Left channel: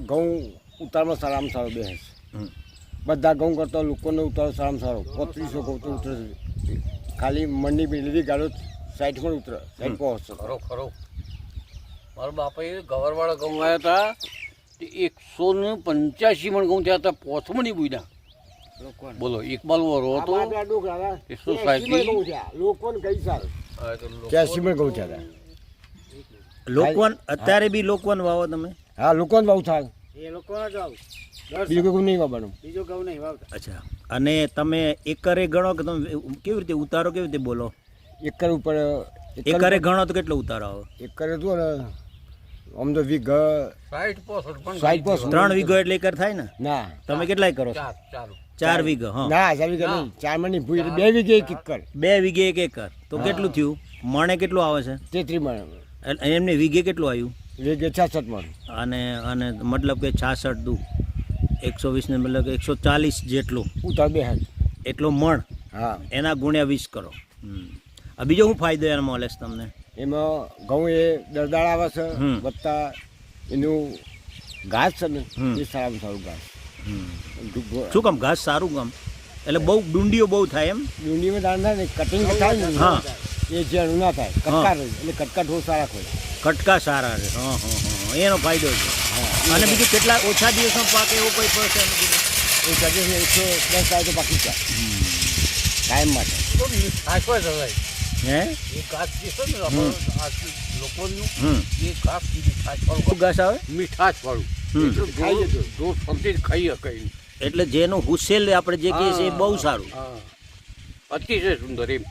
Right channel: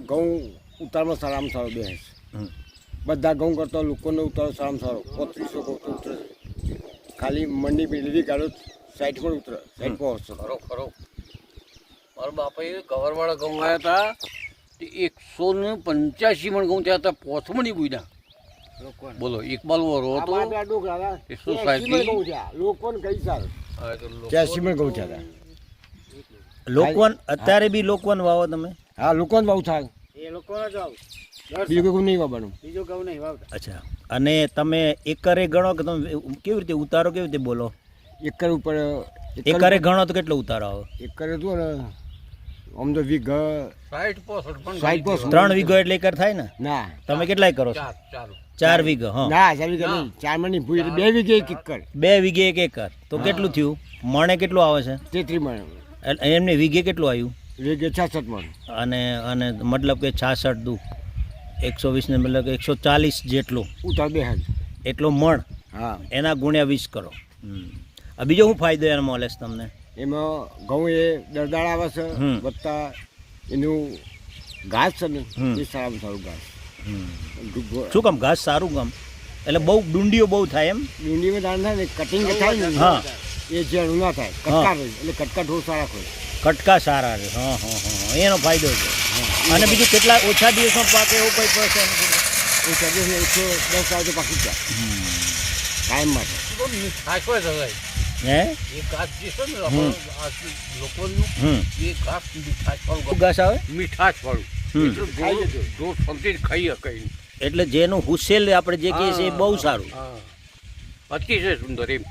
ઘઉં ઉતારમાં સારામાં સારો બેસે. છે બધા ઘઉં કરતા લોકોનો ઉતારો સારામાં સારો. પોત્રીસો કહું તો ઉતરે છે. ખાલી મંડી પેલી ગાડો સાઈડ પણ ઉતરે. સાઈડ પહોંચશે ખરો ખરો. મારા બાપાએ ગવરવાળા ઘઉં આવ્યા હતા તે એકસો ને પંચ્યાસી મણ ઘઉં થયા હતા. પોથમણી બુઈના બોલો ઇકબાલ વરો હતો. એકસો સાહીઠ લોકોને કઈ સારું? હા, તો લોકો- ત્યાંસી માં ઘઉં થયા હતા. લોકવન અત્યારે બી લોકવન વાવો તમે? હા લોકોને બહુ થાય એ લોકો જ વાવ. બીજું કોઈ નહીં વાવવાનું. બીજું ઘઉં નહીં વાવતા. અચ્છા. અને તમે એકરે ગણો કે તમે કેવી રીતે ઉતારો કેવી રીતે બોલો? એકર ઉપર એકરે ગણો તો કેટલો ઉતારો આવે? એકરે તો ને આમ તો વીઘ સાઈઠ પોસઠ પણ સાઈડ પર ત્રણ વીઘો એટલે એકર થાય ને? ના. તમે કેટલાય કરો છો? ચાર ચાર. ચાર હા. ના ચાર વીઘા નહીં. ચાર મણ ભૂઈ એટલે બે વીઘે એક એકર. બે વીઘે એક એકર. તો કેટલું થયું? મણે કેટલું આવે છે? તેત્રી મણ. એમને વીઘે કેટલું આવ્યું? વીઘે છાસઠ મણ. અને અને મતલબ કે છાસઠ દુ. એકસો વીસને મતલબ કે એકસો ચાલીસ જેટલું. ઉતાર બે હાથ એટલો મણ. હા. એના ગુણ્યા વીસ કરો. આ બીજો શું ફાયદો એનો મળે છે તમને? એમાં ઘઉં એ દરદાળ આવે છે વત્તા એનું ઘાસ છે ને એ સારામાં સારું ઘાસ. શું કામ? ઘાસ સારું કામ? એટલે બહુ ડુંડીઓ બહુ થાય એમ? ડુંડીમાં દાણ થાય ને કટિંગ થાય ને. હા. એ ઝેણું ના થાય. કટકા રહે એટલે કટકા થોડું સારા ખોય કટકા સારા રહે હા હા હા એનો ફાયદો છે. અને બીજું કેટલા ઓછા દિવસમાં પાકે એવું કંઈ પડશે? ઓછા દિવસ એકસો દસ થાય તો પાકી જાય. ટાઈમ કાયમ માટે. તો મીઠાશ હોય છે હે? એ ઘાસ જે છે ને લોકોનું એ ઘાસ મીઠાશ ઘાસ આવે? મીઠાશ વાળું એટલું ખાઈ શકાય. એટલે જેનું હુસેલ આપણે જે કહીએ છીએ એ બહુ સારું. હા. અતિશય સુંદર એમ.